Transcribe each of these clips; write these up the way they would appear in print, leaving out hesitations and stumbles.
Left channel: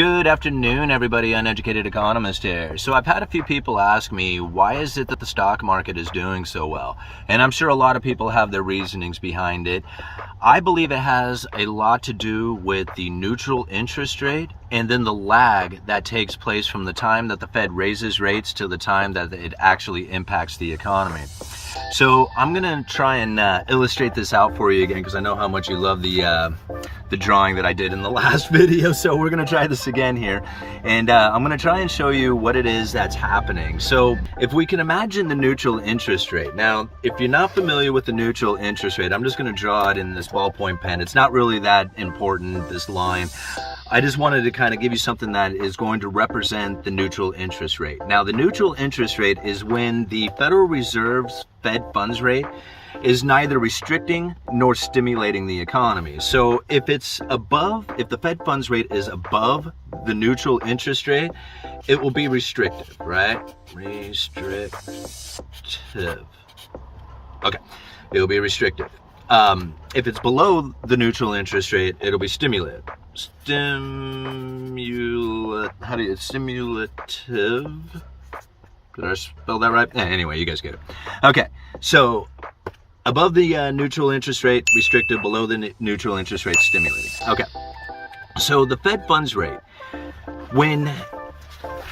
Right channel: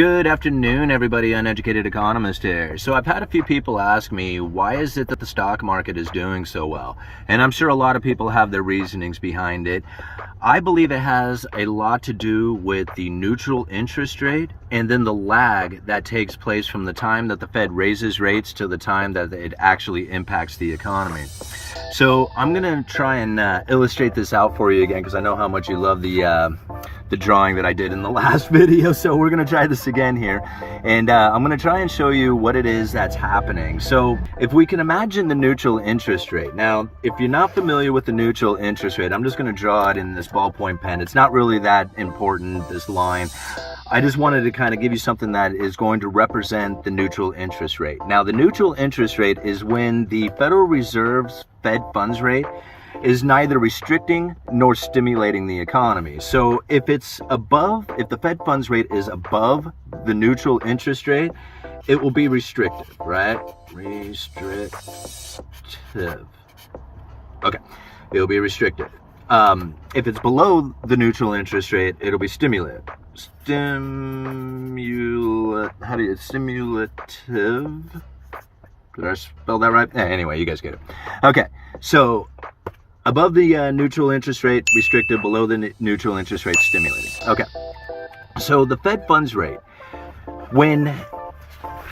Good afternoon, everybody. Uneducated Economist here. So I've had a few people ask me, why is it that the stock market is doing so well? And I'm sure a lot of people have their reasonings behind it. I believe it has a lot to do with the neutral interest rate and then the lag that takes place from the time that the Fed raises rates to the time that it actually impacts the economy. So I'm going to try and illustrate this out for you again, because I know how much you love the drawing that I did in the last video. So we're going to try this again here, and I'm going to try and show you what it is that's happening. So if we can imagine the neutral interest rate. Now, if you're not familiar with the neutral interest rate, I'm just going to draw it in this ballpoint pen. It's not really that important, this line. I just wanted to kind of give you something that is going to represent the neutral interest rate. Now, the neutral interest rate is when the Federal Reserve's Fed funds rate is neither restricting nor stimulating the economy. So if the Fed funds rate is above the neutral interest rate, it will be restrictive, right? Restrictive. Okay, it'll be restrictive. If it's below the neutral interest rate, it'll be stimulative. Stimulative? Did I spell that right? Anyway, you guys get it. Okay, so above the neutral interest rate, restrictive. Below the neutral interest rate, stimulating. Okay, so the Fed funds rate, when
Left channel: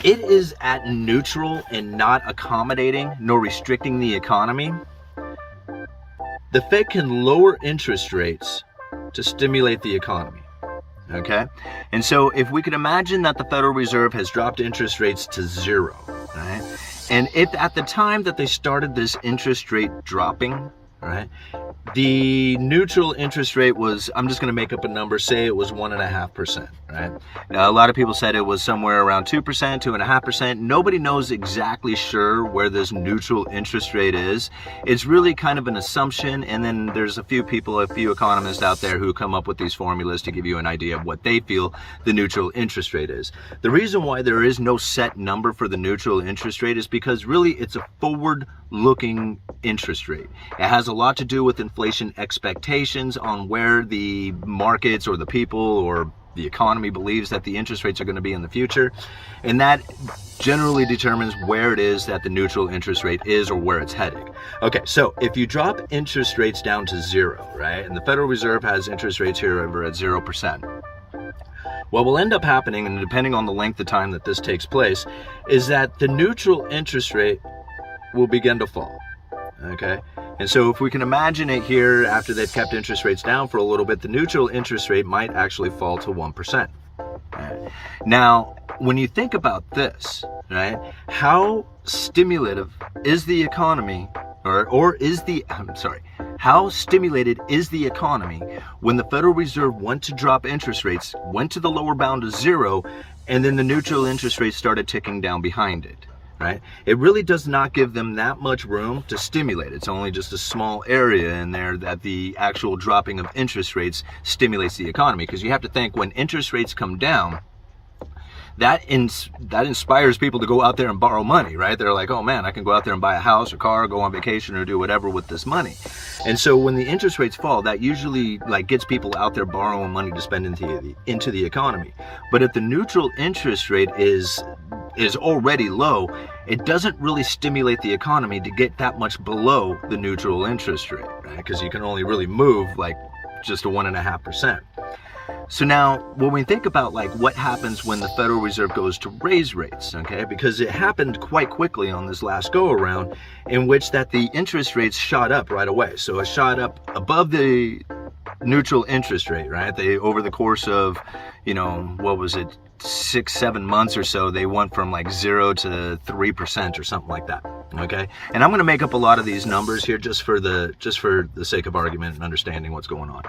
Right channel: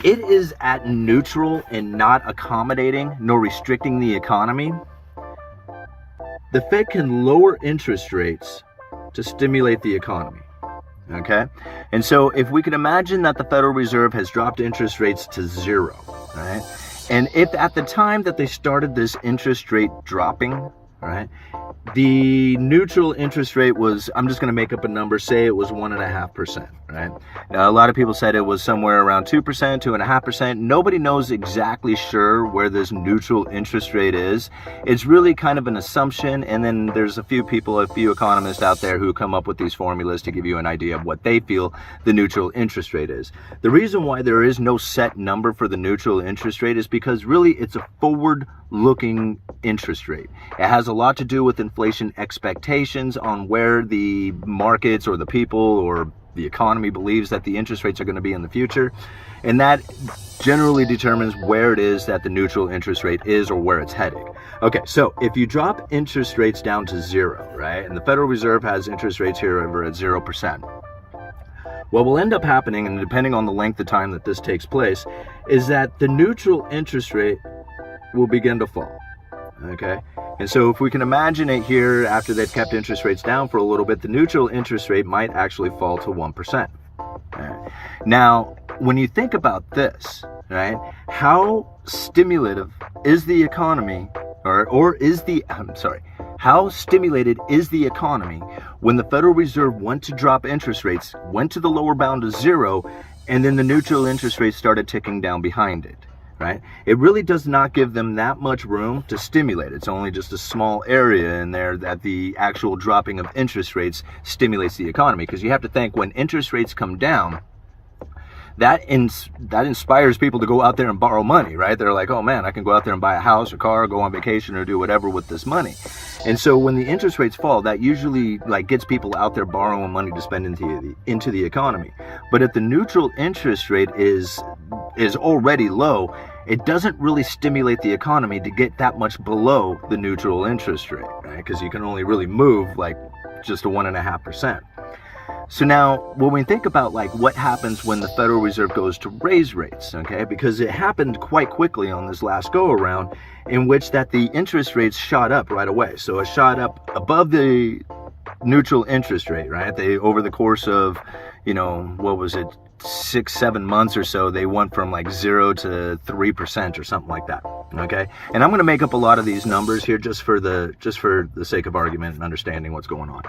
it is at neutral and not accommodating nor restricting the economy, the Fed can lower interest rates to stimulate the economy. Okay, and so if we can imagine that the Federal Reserve has dropped interest rates to zero, right? And if at the time that they started this interest rate dropping, right, the neutral interest rate was, I'm just going to make up a number, say it was 1.5%, right? Now, a lot of people said it was somewhere around 2%, 2.5%. Nobody knows exactly sure where this neutral interest rate is. It's really kind of an assumption, and then there's a few economists out there who come up with these formulas to give you an idea of what they feel the neutral interest rate is. The reason why there is no set number for the neutral interest rate is because really it's a forward-looking interest rate. It has a lot to do with inflation expectations on where the markets or the people or the economy believes that the interest rates are going to be in the future, and that generally determines where it is that the neutral interest rate is or where it's heading. Okay, so if you drop interest rates down to zero, right, and the Federal Reserve has interest rates here over at 0%, what will end up happening, and depending on the length of time that this takes place, is that the neutral interest rate will begin to fall. Okay, and so if we can imagine it here, after they've kept interest rates down for a little bit, the neutral interest rate might actually fall to 1%. Right. Now, when you think about this, right, how stimulative is the economy, how stimulated is the economy when the Federal Reserve went to drop interest rates, went to the lower bound of zero, and then the neutral interest rate started ticking down behind it? Right? It really does not give them that much room to stimulate. It's only just a small area in there that the actual dropping of interest rates stimulates the economy. Because you have to think, when interest rates come down, that inspires people to go out there and borrow money, right? They're like, oh man, I can go out there and buy a house or car, go on vacation, or do whatever with this money. And so when the interest rates fall, that usually gets people out there borrowing money to spend into the economy. But if the neutral interest rate is already low, it doesn't really stimulate the economy to get that much below the neutral interest rate, right? Because you can only really move just a 1.5%. So now, when we think about what happens when the Federal Reserve goes to raise rates, okay, because it happened quite quickly on this last go around, in which that the interest rates shot up right away. So it shot up above the neutral interest rate, right? They, over the course of, 6-7 months or so, they went from 0 to 3% or something like that. Okay, and I'm going to make up a lot of these numbers here just for the sake of argument and understanding what's going on.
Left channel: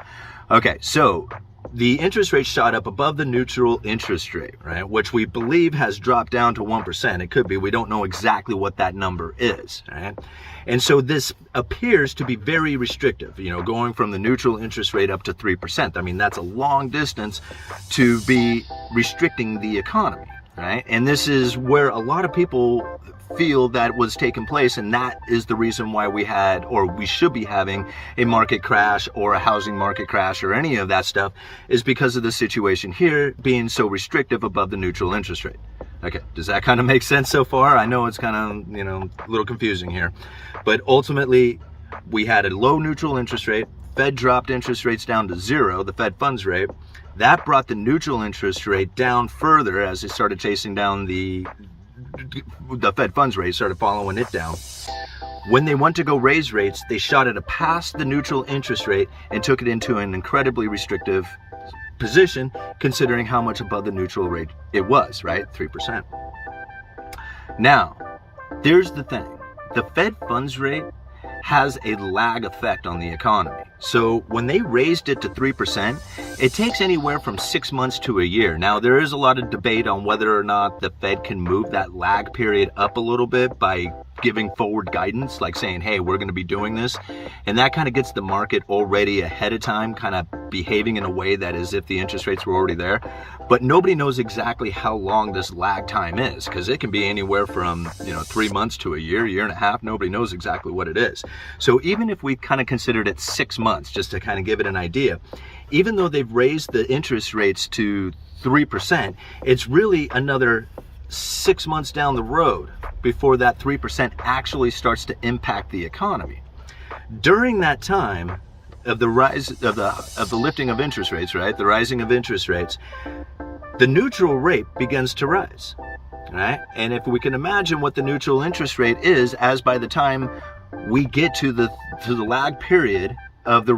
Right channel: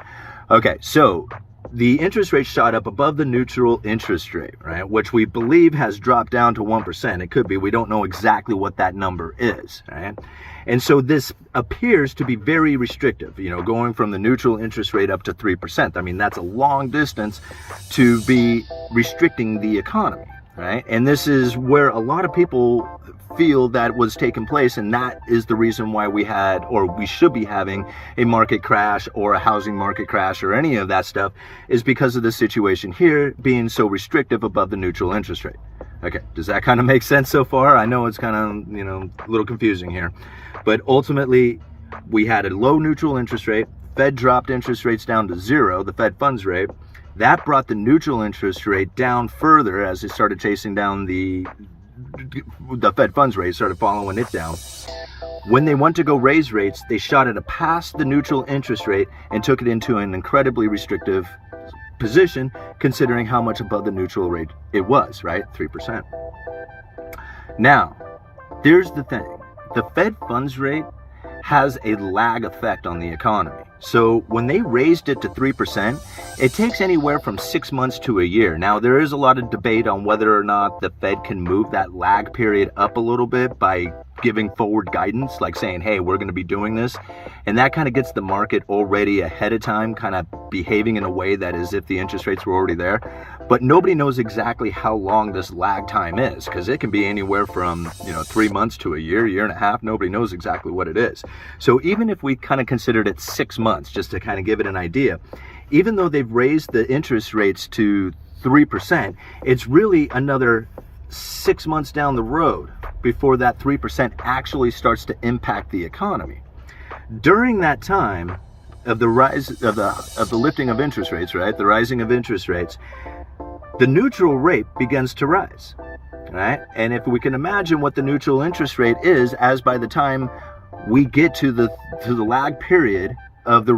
Okay, so the interest rate shot up above the neutral interest rate, right, which we believe has dropped down to 1%. It could be, we don't know exactly what that number is, right? And so this appears to be very restrictive, going from the neutral interest rate up to 3%. I mean, that's a long distance to be restricting the economy, right? And this is where a lot of people feel that was taking place, and that is the reason why we had, or we should be having, a market crash or a housing market crash or any of that stuff, is because of the situation here being so restrictive above the neutral interest rate. Okay, does that kind of make sense so far? I know it's kind of, a little confusing here, but ultimately we had a low neutral interest rate. Fed dropped interest rates down to zero, the Fed funds rate. That brought the neutral interest rate down further as it started chasing down the Fed funds rate, started following it down. When they went to go raise rates, they shot it past the neutral interest rate and took it into an incredibly restrictive position, considering how much above the neutral rate it was, right? 3%. Now, there's the thing. The Fed funds rate has a lag effect on the economy. So when they raised it to 3%, it takes anywhere from 6 months to a year. Now, there is a lot of debate on whether or not the Fed can move that lag period up a little bit by giving forward guidance, like saying, hey, we're going to be doing this. And that kind of gets the market already ahead of time, kind of behaving in a way that is if the interest rates were already there. But nobody knows exactly how long this lag time is, because it can be anywhere from 3 months to a year and a half. Nobody knows exactly what it is. So even if we kind of considered it 6 months, just to kind of give it an idea, even though they've raised the interest rates to 3%, it's really another 6 months down the road before that 3% actually starts to impact the economy. During that time of the rise of the lifting of interest rates, right, the rising of interest rates, the neutral rate begins to rise, right? And if we can imagine what the neutral interest rate is, as by the time we get to the lag period of the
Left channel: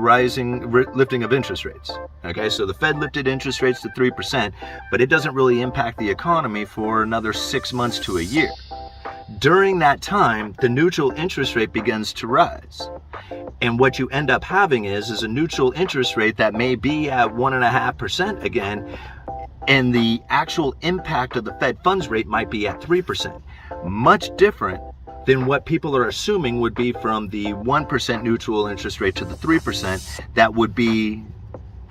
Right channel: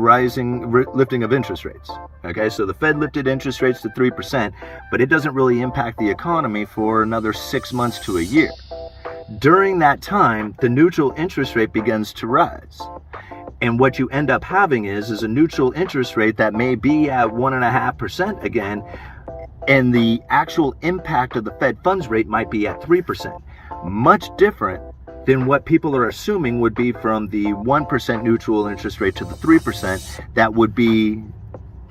lifting of interest rates. Okay, so the Fed lifted interest rates to 3%, but it doesn't really impact the economy for another 6 months to a year. During that time, the neutral interest rate begins to rise. And what you end up having is a neutral interest rate that may be at 1.5% again, and the actual impact of the Fed funds rate might be at 3%. Much different than what people are assuming would be from the 1% neutral interest rate to the 3%. That would be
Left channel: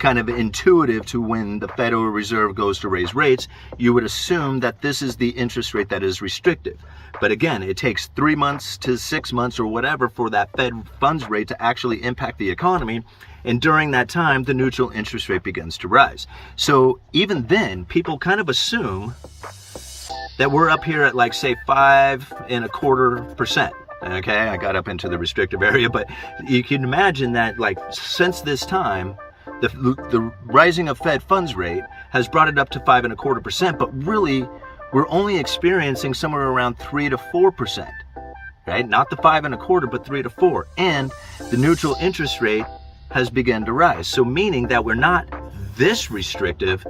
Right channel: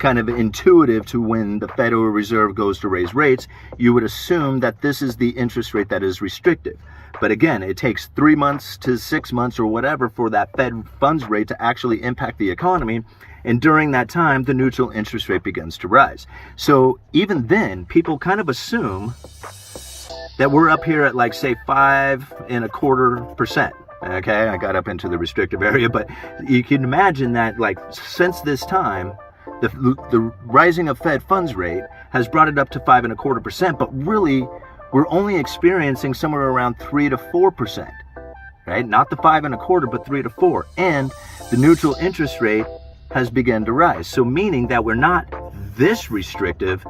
kind of intuitive to when the Federal Reserve goes to raise rates. You would assume that this is the interest rate that is restrictive. But again, it takes 3 months to 6 months or whatever for that Fed funds rate to actually impact the economy. And during that time, the neutral interest rate begins to rise. So even then, people kind of assume that we're up here at, like, say, 5.25%. Okay, I got up into the restrictive area, but you can imagine that, like, since this time, the rising of Fed funds rate has brought it up to 5.25%, but really we're only experiencing somewhere around 3 to 4%, right? Not the 5.25, but 3 to 4, and the neutral interest rate has begun to rise. So meaning that we're not this restrictive,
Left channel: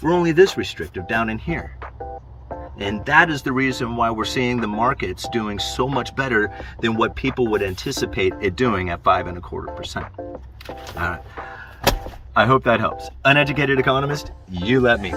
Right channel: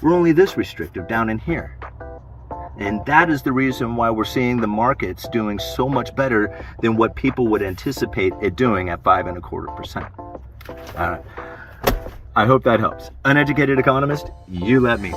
we're only this restrictive down in here. And that is the reason why we're seeing the markets doing so much better than what people would anticipate it doing at 5.25%. All right. I hope that helps. Uneducated Economist, you let me.